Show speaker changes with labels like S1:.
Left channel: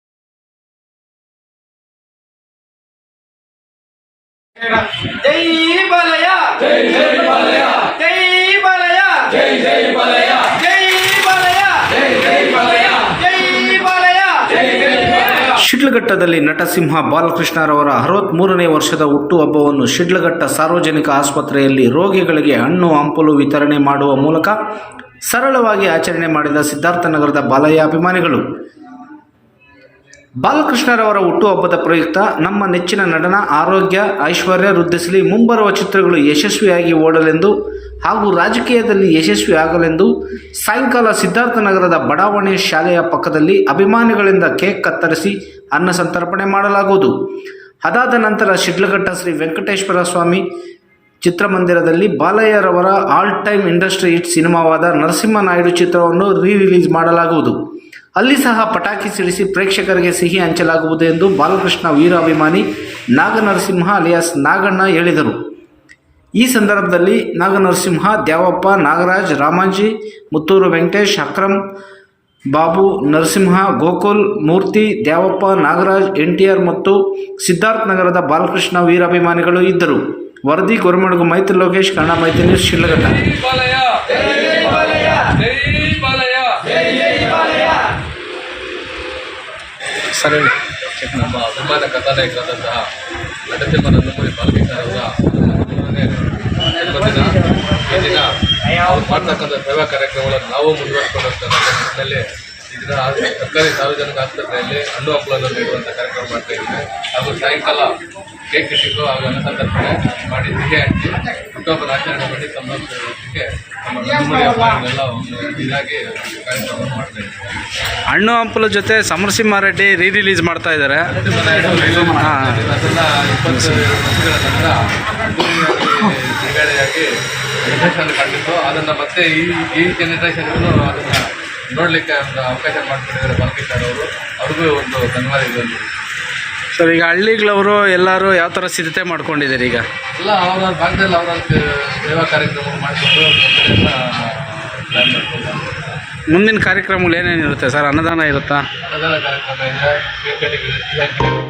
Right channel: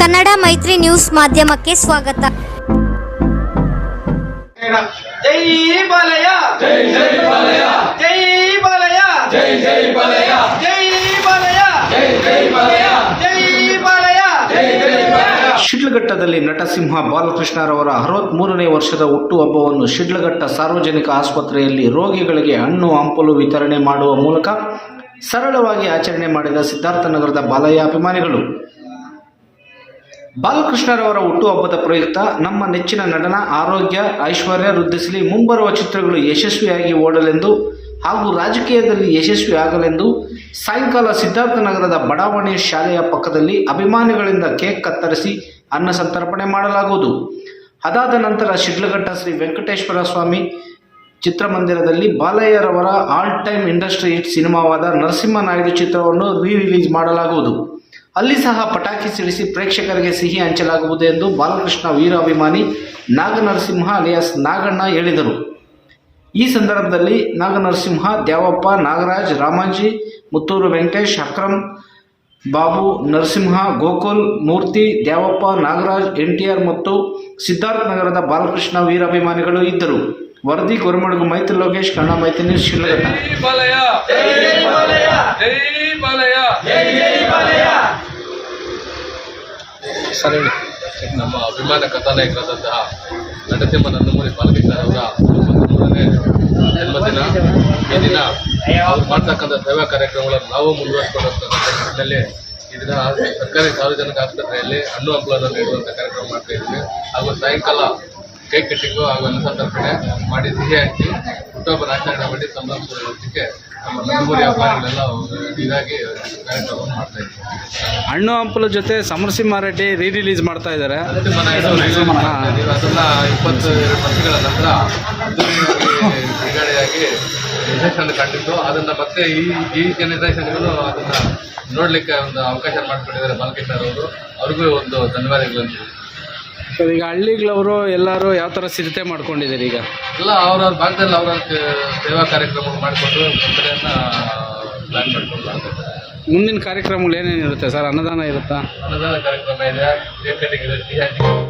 S1: ಕನ್ನಡ ಮೈತ್ರಿ ನ್ಯೂಸ್ ಮಾಧ್ಯಮಕ್ಕೆ ಸ್ವಾಗತ.
S2: ಜೈ ಬಲಯ. ಜೈ ಜೈ ಬಲಯ. ಜೈ ಬಲಯ. ಜೈ ಜೈ ಬಾಲಯ್ಯ ಜೈ ಬಾಲಯ್ಯ ಜೈ ಜೈ ಬಾಲಯ್ಯ ಜೈ ಬಾಲಯ್ಯ ಜೈ ಜೈ
S3: ಶಿಡ್ಲಘಟ್ಟದಲ್ಲಿ ನಟಸಿಂಹ ಬಾಲಕೃಷ್ಣರವರ ಅರವತ್ಮೂರನೇ ವರ್ಷದ ಹುಟ್ಟುಹಬ್ಬವನ್ನು ಶಿಡ್ಲಘಟ್ಟ ಸಾರ್ವಜನಿಕ ಆಸ್ಪತ್ರೆಯಲ್ಲಿ ರೋಗಿಗಳಿಗೆ ಹಣ್ಣು ಹಂಪಲು ವಿತರಣೆ ಮಾಡುವ ಮೂಲಕ ಸರಳವಾಗಿ ಆಚರಣೆ ಮಾಡಿದ ಸಿದ್ಧಾರ್ಥನಗರದ ಬಾಲಯ್ಯ ಅಭಿಮಾನಿಗಳು. ಬಾಲಕೃಷ್ಣರವರ ಹುಟ್ಟುಹಬ್ಬದ ಪ್ರಯುಕ್ತ ನಮ್ಮ ನೆಚ್ಚಿನ ನಟನ, ಆರೋಗ್ಯ, ಐಶ್ವರ್ಯ ವೃದ್ಧಿಸಲಿ, ಮುಂಬರುವ ಚಿತ್ರಗಳು ಯಶಸ್ವಿಯಾಗಿ ಓಡಲೆಂದು ಹಾಗೂ ರಾಜಕೀಯದಲ್ಲಿ ಯಶಸ್ವಿ ಆಗಲೆಂದು ಸಾಯಂಕಾಲ ಸಿದ್ಧಾರ್ಥನಗರದ ಬಡಾವಣೆ ಶಾಲೆಯ ಪಕ್ಕದಲ್ಲಿ ಅಭಿಮಾನಿಗಳಿಂದ ಕೇಕ್ ಕತ್ತರಿಸಿ ಅನ್ನ ಸಂತರ್ಪಣೆ ಮಾಡಲಾಗುವುದು. ಅದಾದ ನಂತರ ಶಿಡ್ಲಘಟ್ಟ ಶ್ರೀ ವೆಂಕಟೇಶ್ವರ ಸ್ವಾಮಿ ಚಿತ್ರಮಂದಿರದಲ್ಲಿ ಬಾಲಯ್ಯರವರ ಆಲ್ ಟೈಮ್ ಇಂಡಸ್ಟ್ರಿ ಹಿಟ್ ಸಿನಿಮಾವಾದ ನರಸಿಂಹನಾಯ್ಡು ಚಿತ್ರವನ್ನು ರೀ ರಿಲೀಸ್ ಮಾಡಲಾಗುವುದು. ಅಲ್ಲಿ ಸಹ ಪಟಾಕಿ ಸಿಡಿಸಿ ಪ್ರೇಕ್ಷಕರಿಗೆ ಸಿಹಿ ಹಂಚಲಾಗುವುದು ಎಂದು ಬಾಲಕೃಷ್ಣ ವೀರಾಭಿಮಾನಿ ನಾಗನರಸಿಂಹ ಅಲಿಯಾಸ್ ನಾಗಣ್ಣ ಹೇಳಿದರು. ಈ ಸಂದರ್ಭದಲ್ಲಿ Naganarasimha, Dyavappa, Nagaraj, Ramaji, Muttur Venkatesh, Akram, Babu, Narasimha, Gokul, Murthy, Dyavappa, Nagaraj, N T R ಮತ್ತು ಸಿದ್ಧಾರ್ಥನಗರದ ಬಾಲಕೃಷ್ಣ ವೀರಾಭಿಮಾನಿಗಳು ಇದ್ದರು. ವರದಿ ಗೊರಮಡಗು ಮೈತ್ರಿ ಲೋಕೇಶ್ ಕನ್ನಡ ಮೈತ್ರಿ ನ್ಯೂಸ್
S4: ಬಾಲಯ್ಯ.
S3: ಸರಿ
S4: ನಮ್ಮ ಅಭಿಮಾನ ಕಥಾನಾಯಕರಾದಂತಹ ನಟಸಿಂಹ ನಂದಮೂರಿ ಬಾಲಕೃಷ್ಣ ಅವರ ಮೂರನೇ ಜನ್ಮದಿನ. ಈ ದಿನ ಅವ್ರು ಮಾಡ್ತಕ್ಕಂಥ ಸೇವಾ ಕಾರ್ಯಕ್ರಮಗಳನ್ನು ನಾವು ಮುಂದುವರಿಸ್ಕೊಂಡು ನಿಟ್ಟಿನಲ್ಲಿ ಈ ದಿನ ಸರ್ಕಾರಿ ಸಾರ್ವಜನಿಕ ಆಸ್ಪತ್ರೆಯಲ್ಲಿ ಹಣ್ಣು ಹಂಪಲನ್ನು ನೀಡುವಂಥ ಕಾರ್ಯಕ್ರಮ ಮಾಡ್ತಾ ಇದ್ದೀವಿ. ಹಾಗೂ ಸಾಯಂಕಾಲ ಕೇಕ್ ಕಟ್ಟಿಂಗು ಹಾಗೂ ಅನ್ನ ಸಂತರ್ಪಣೆ ಮಾಡಿ ಸಿಹಿ ಹಂಚಿ ಆಚರಣೆ ಮಾಡಿ ಸಂಭ್ರಮಿಸೋದಕ್ಕೆ ನಮ್ಮ ಅಭಿಮಾನಿಗಳೆಲ್ಲ ಒಂದು ಇದಾಗಿ ಕಾರ್ಯಕ್ರಮವನ್ನು ಮಾಡ್ತಾ ಇದ್ದೀವಿ.
S3: ಹಣ್ಣು ಹಂಪಲ ಜೊತೆ ಸಮರಸಿಂಹಾರೆಡ್ಡಿ ರೀ ರಿಲೀಸ್ ಮಾಡ್ತಾ ಇದ್ದಾರೆ.
S4: ಅದನ್ನ ಇಪ್ಪತ್ತು ವರ್ಷಗಳ ನಂತರ ಬಿಡುಗಡೆಯಾಗಿ ಯಶಸ್ಸನ್ನು ಕಂಡಿದ್ದು. ಅದನ್ನ ಮತ್ತೆ ಈ ಈ ಜನರೇಷನ್ಗೂ ಅದನ್ನ ನೋಡ್ಲಿಕ್ಕೆ ಒಂದು ಅವಕಾಶ ಮಾಡಿಕೊಟ್ಟಿದ್ದಾರೆ ಬಾಲಕೃಷ್ಣ ಅವರು. ಅವ್ರಿಗೂ ಒಂದು ಧನ್ಯವಾದಗಳು.
S3: ಸರ್ ಈಗ ಹಳ್ಳಿಗಳವರು ಎಲ್ಲರೂ ಯಾವ ಥರ ಸಿದ್ಧತೆ ಮಾಡ್ಕೊಂಡಿದ್ದಾರೆ ಈಗ?
S4: ಎಲ್ಲ ಅವರ ಭಾಗದಲ್ಲಿ ಅವರ ಸೇವಾ ಕಾರ್ಯಕ್ರಮಗಳು ಮಾಡಿಕೊಂಡು ಕಡೆಯನ್ನ ಪ್ಲಾನ್ ಮಾಡ್ಕೊಂಡು
S3: ಮುಂದಿನ ಕಾರ್ಯಕ್ರಮಗಳು ಏನೇನಿರುತ್ತೆ ಸರ್? ಅನ್ನದಾನ ಇರುತ್ತಾ?
S4: ಅನ್ನದಾನ ಕಾರ್ಯಕ್ರಮ ಇದೆ.